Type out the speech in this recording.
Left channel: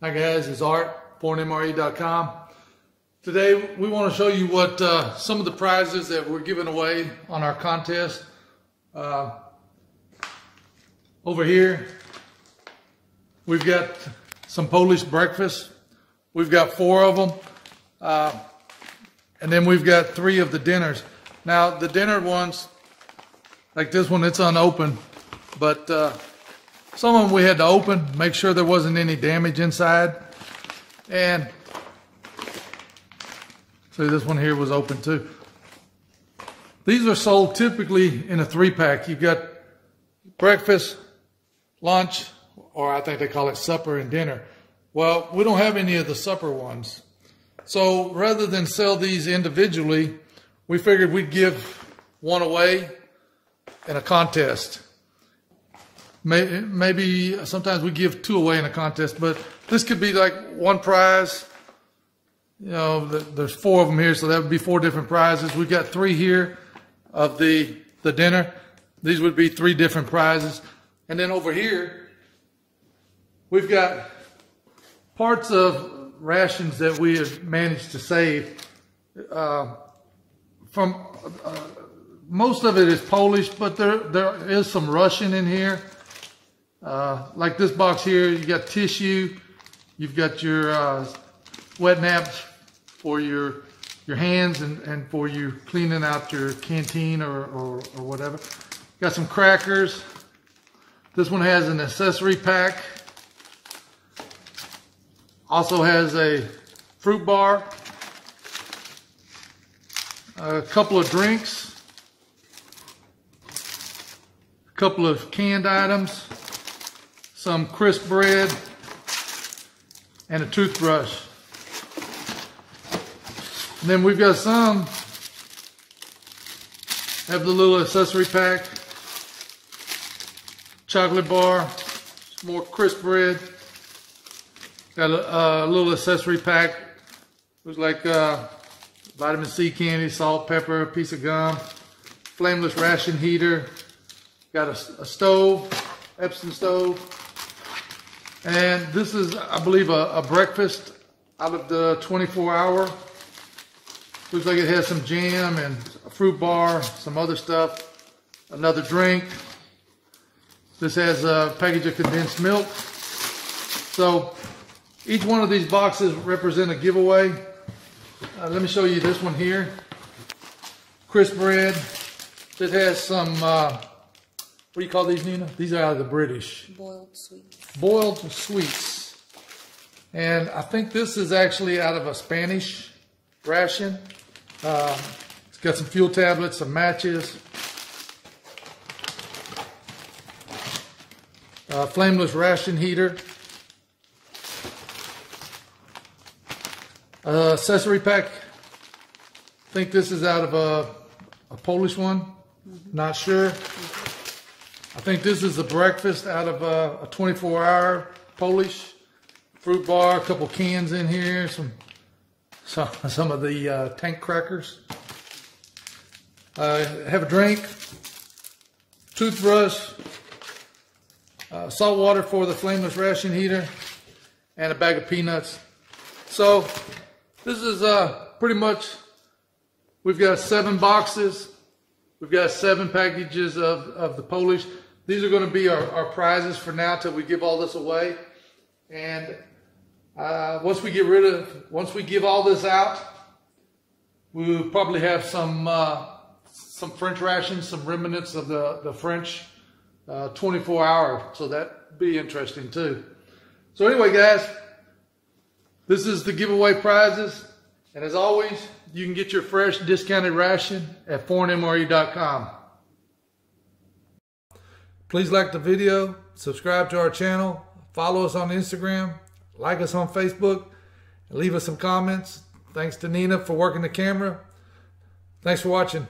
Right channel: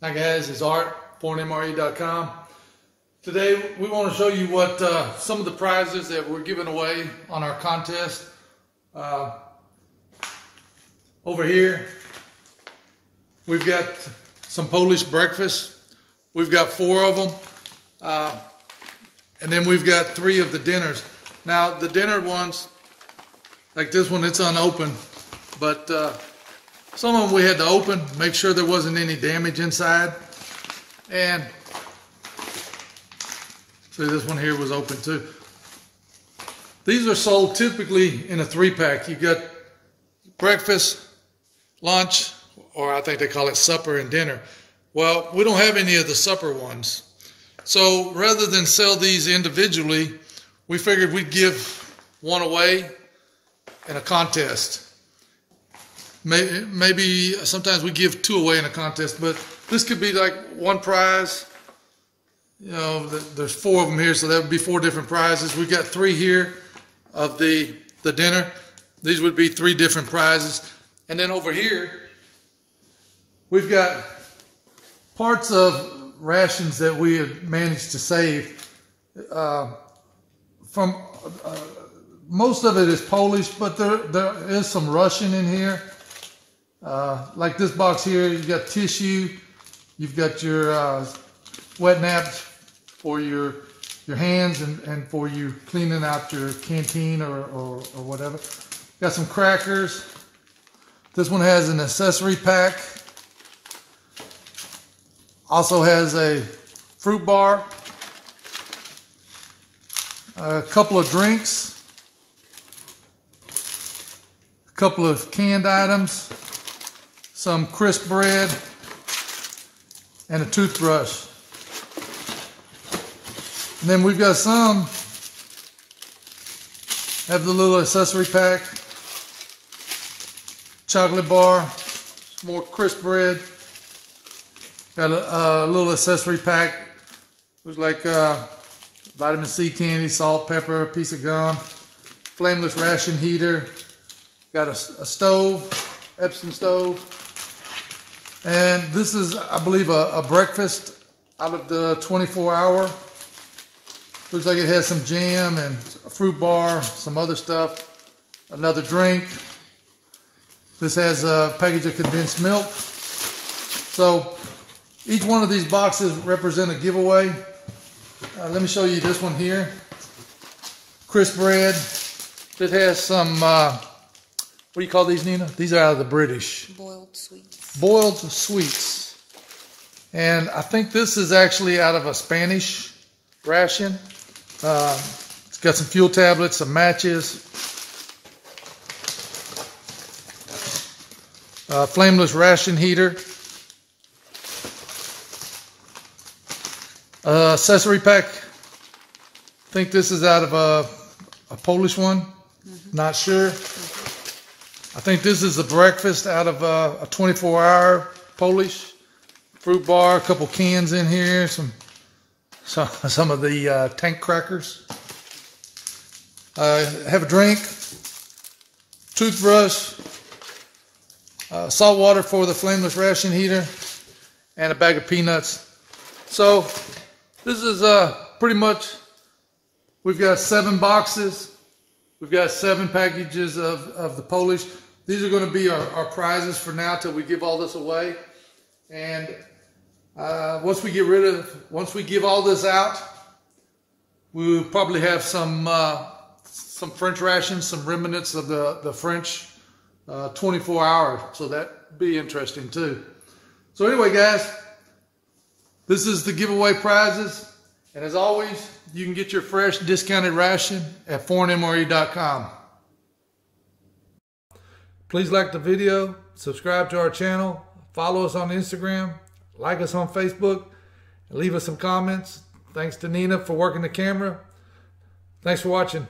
Hi guys, it's Art, ForeignMRE.com. Today we want to show you what some of the prizes that we're giving away on our contest. Over here we've got some Polish breakfast. We've got 4 of them, and then we've got 3 of the dinners. Now the dinner ones, like this one, it's unopened, but some of them we had to open, make sure there wasn't any damage inside. And see, this one here was open too. These are sold typically in a 3-pack. You got breakfast, lunch, or I think they call it supper and dinner. Well, we don't have any of the supper ones. So rather than sell these individually, we figured we'd give one away in a contest. Maybe sometimes we give 2 away in a contest, but this could be like one prize. You know, there's 4 of them here, so that would be 4 different prizes. We've got 3 here of the dinner. These would be 3 different prizes. And then over here, we've got parts of rations that we have managed to save. Most of it is Polish, but there is some Russian in here. Like this box here, you got tissue, you've got your wet naps for your hands and for you cleaning out your canteen or whatever. Got some crackers. This one has an accessory pack. Also has a fruit bar, a couple of drinks, a couple of canned items, some crisp bread, and a toothbrush. And then we've got some, have the little accessory pack, chocolate bar, more crisp bread, got a little accessory pack, looks like vitamin C candy, salt, pepper, a piece of gum, flameless ration heater, got a stove, Epsom stove. And this is, I believe, a breakfast out of the 24-hour. Looks like it has some jam and a fruit bar, some other stuff, another drink. This has a package of condensed milk. So each one of these boxes represent a giveaway. Let me show you this one here. Crisp bread. It has some, what do you call these, Nina? These are out of the British. Boiled sweets. Boiled sweets. And I think this is actually out of a Spanish ration. It's got some fuel tablets, some matches, flameless ration heater, accessory pack. I think this is out of a Polish one. Not sure. I think this is the breakfast out of a 24-hour Polish. Fruit bar, a couple cans in here, some of the tank crackers. Have a drink, toothbrush, salt water for the flameless ration heater, and a bag of peanuts. So this is pretty much, we've got 7 boxes. We've got 7 packages of the Polish. These are going to be our prizes for now till we give all this away. And once we give all this out, we'll probably have some French rations, some remnants of the French 24-hour. So that'd be interesting too. So anyway, guys, this is the giveaway prizes. And as always, you can get your fresh discounted ration at ForeignMRE.com. Please like the video, subscribe to our channel, follow us on Instagram, like us on Facebook, and leave us some comments. Thanks to Nina for working the camera. Thanks for watching.